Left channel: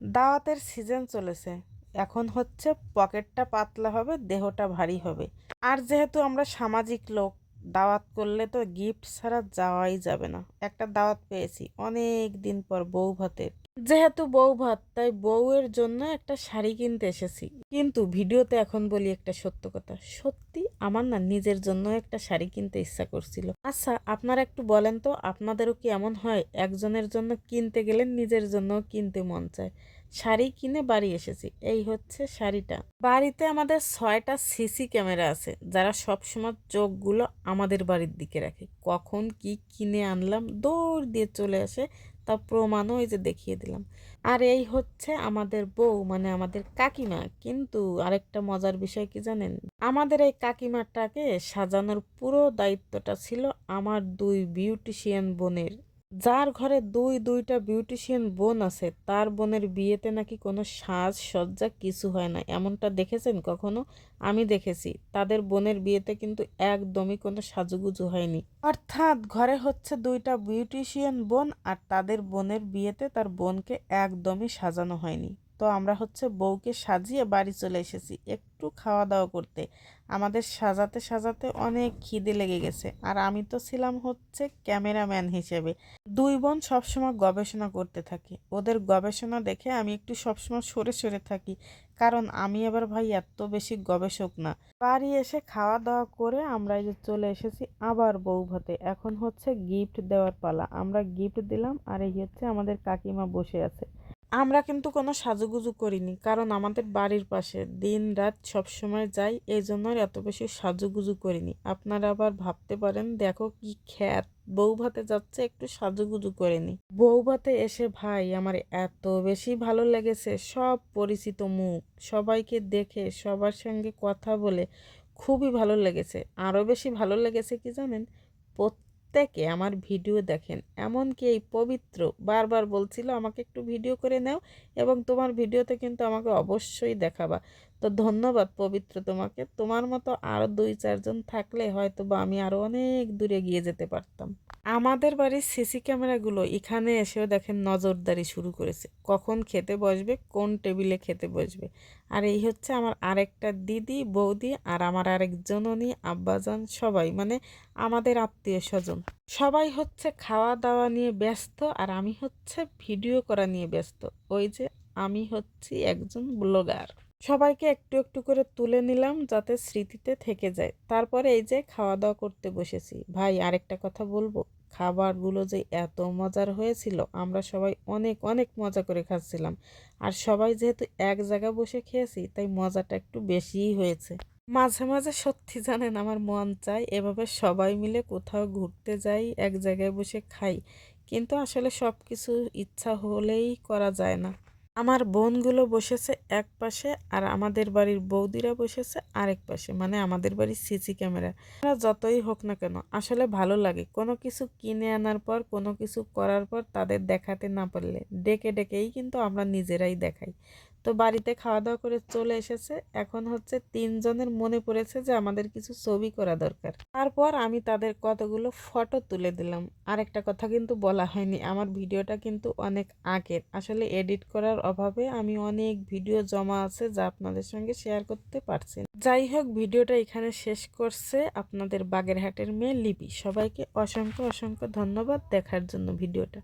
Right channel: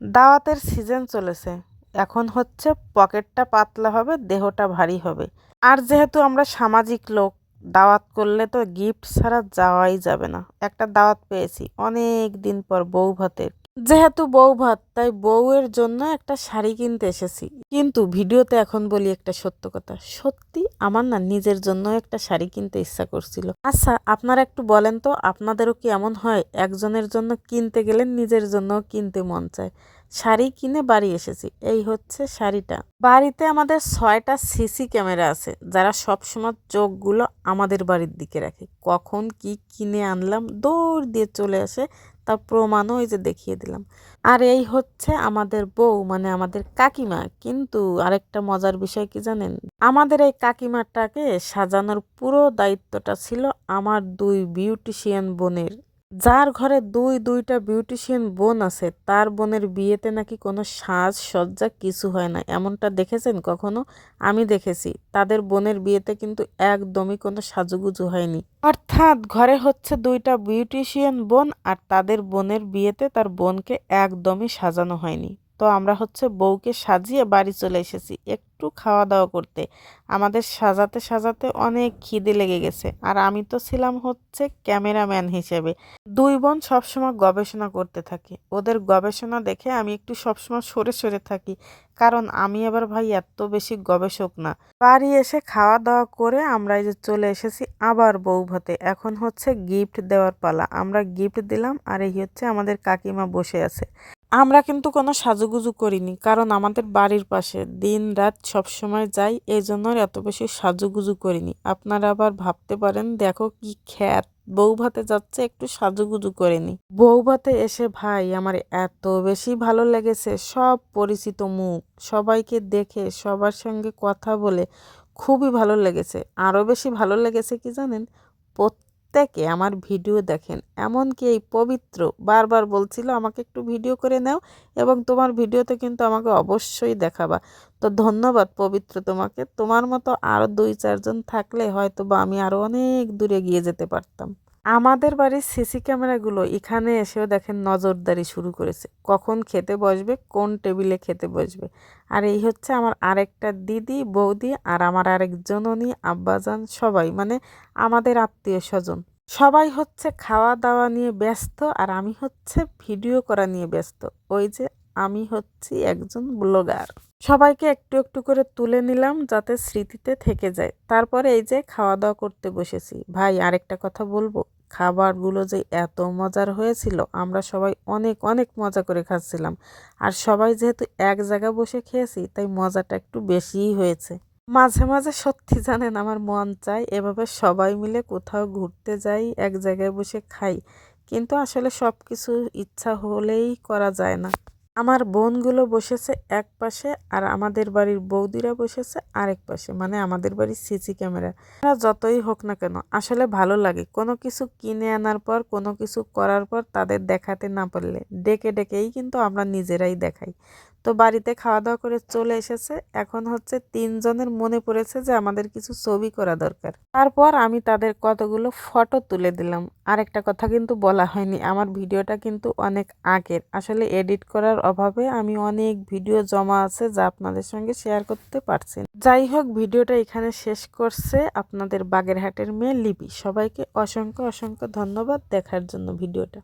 দাওয়াতের সিজন চলেছে। এখন হচ্ছে পকেটটা পাতলা হবে, দেহটা ভারী হবে। আর যেহেতু আমরা সামাজিক লোক, দাওয়াত করলে তো গিফট ছাড়া যাওয়াই যাবে না। একটা দাওয়াত পেয়েছি অনেক দিন পর, বউ ভাতের। যেহেতু বউ ভাত, তাই বউয়ের জন্য একটা শাড়ি কিনতে এসেছি। কিন্তু ভিডিওতে এখন বলি একটা সত্য কথা, সত্যি আমার না নিজের জন্য একটা শাড়ি কিনতে ইচ্ছা করছিল। আচ্ছা, আপনারা একটু বলেন তো, আপনাদেরও কি এমন হয় একজনের জন্য কিনতে গেলে নিজের জন্য কিনতে মন চায়? শাড়ি কিনে বাড়ি এসেছি, এই হচ্ছে শাড়িটা। বাড়িতে আমাদের 6টা সিসি ক্যামেরা আছে, যারা সবসময় চোখগুলো আমাদের বাড়ির দিকে রাখে। কখন কি কিনে আনলাম দৌড় দিয়ে চলে আসে, তা প্রমাণও এই যে দেখিয়ে দিলাম। আর এই হচ্ছে আমাদের বউ, মানে আমাদের কাকিমা। কিন্তু আরেকটা মজার বিষয় কি জানেন, আমাদের এই কাকিমাটাকে সাজানোর পুরো দায়িত্বটা ছিল আমার 2 বিউটিশিয়ান বোনের। যার ঘরে দুইটা বিউটিশিয়ান বোন আছে, তার বোনের বিয়েতে নাকি কোনো সাজসজ্জা কিছু হয় না। এমনটা দেখেছেন কখনো? আমি দেখেছি, তাদের বোনের বিয়েতে কিন্তু একদমই কোনো সাজুগুজু হয়নি। অর্থাৎ ঘরে হচ্ছে 2টা বিউটিশিয়ান বোন, আর তাদের বোনের বিয়েতে তার বোনকে একদমই সাজানো হয়নি। তো আমরা হচ্ছে বউকে সাজিয়ে বাড়ি চলে এসেছি একটু খাওয়া দাওয়া করতে। আমাদের সাজাতে সাজাতে অনেক খিদে লেগে গেছে, আর আমি তো ছিলাম হচ্ছে ক্যামেরাম্যান হিসেবে। 2 বোন সবসময় গবেষণা করতে থাকে, ওদের গবেষণা দেখে আমি একটু সবসময় সরে সরে থাকি, কারণ আমি আবার ভাই এত বেশি গবেষক না। বাড়ি এসে খাওয়া দাওয়া করে আমরা এই যে চলে এসেছি আবার বউ ভাতে। এখন হচ্ছে গিফট দেওয়ার পালা, আমরা গিফট দিলাম। আর এই হচ্ছে আমাদের কাকিমা বসে আছে। আমরা কিন্তু কোনো সাজুগুজু করিনি, কারণ আমাদের বাড়ির পাশে দিন রাত সবসময় যাই, এই জন্য এত বেশি সাজুগুজু করিনি। আপনারা আবার ভাবতে পারেন দেখো কি খ্যাত, বউ ভাতে যাচ্ছে একটু সাজুগুজু করেনি। বউ ভাতে এসে ভাই আমার এত বেশি ভালো লেগেছে, সব পরিচিত মুখ, সবাইকে দেখে সবার সঙ্গে কথা বলে খুবই ভালো লেগেছে। আরও বেশি ভালো লেগেছে কি জানেন, প্রত্যেকে আমার ভিডিও দেখেন। এমনকি এই পবিত্র বারবার বলছিল আমাকে একটু ভিডিও করে নাও, এবং তোমার ভিডিওতে কিন্তু আমাকে অবশ্যই দেখাবা। তো ধন্যবাদ পবিত্র তোমাকে, তোমার মতো আরও 2-4 জন থাকলে হয়তো বা আমি আরও অনেক দূরে গিয়ে যেতে পারতাম। আমাদের বাড়ির সিসি ক্যামেরাগুলো এখানে এসেও দেখেন নজরদারি শুরু করেছে, কখন খেতে বসবে, কোন টেবিলে খেতে বসবে। আর এই হচ্ছে আমার আরেকটা দিদি, বৌদি, আর আমার আরেক জননী, আব্বাজান, সবাই মানে আমাদের আত্মীয় স্বজন। সবাই হচ্ছে খাওয়া দাওয়া নিয়ে ব্যস্ত, আর আমি হচ্ছে ভিডিও করা নিয়ে ব্যস্ত। ওই যে আমি হচ্ছি একজন ব্লগার। সবাইকে একটু একটু করে তুলে নিলাম যাতে স্মৃতিতে থেকে যায়। তারপরে এই যে খাওয়া দাওয়া করতে বসেছি। ভাই আরেকটা কথা বলবো, খাবারগুলো যে এত মজার হয়েছিল, আমরা সবাই অনেক অনেক মজা করে খাচ্ছিলাম। আর সবাই যেহেতু এক জায়গায় বসে খেয়েছি, তাই মজাটা একটু বেশিই হয়েছে। মাঝে মাঝে সত্যি জানেন আমার মন চায় এভাবে সবাই মিলে কোথাও ঘুরতে যাই, এক জায়গায় বসে খাই। কিন্তু আসলে সব কিছু ইচ্ছা হলেই করা যায় না। আমার বোনগুলো বসেছে এক পাশে, আর আমাদের বাড়ির বৌদিরা বসেছে আরেক পাশে, মানে আমাদের বাড়ির সিসি ক্যামেরা। যতই হোক না কেন, আসলে ভালো লাগে কোনো কিছু কিনে আনার পর, কোনো কিছু করার পর তাদের দেখাতে না পারলে ডেকে ডেকেই কিন্তু আমরা নিজেরাই দেখাই। তো বাড়িতে খাওয়া দাওয়া করে চলে এসেছে, এখন হচ্ছে 3 জনের মনে পড়েছে যে আমাদের কিছু ছবি করা দরকার। তারপর আমি তাদের কতগুলো ফটো তুলে দিলাম। আরেকটা কথা কিন্তু বলা হয়নি, আমার ভিডিওটা কিন্তু অনেক আগের, আসলে এডিট করার অভাবে আমি অনেক ভিডিও জমা আছে যা আপনাদের সঙ্গে শেয়ার করতে পারছি না। যাই হোক, ভিডিওটা এখানে শেষ করছে আপনাদের বাগেরহাটের মেয়ে লিপি। সবাইকে অসংখ্য অসংখ্য ধন্যবাদ দেখার জন্য ভিডিওটা।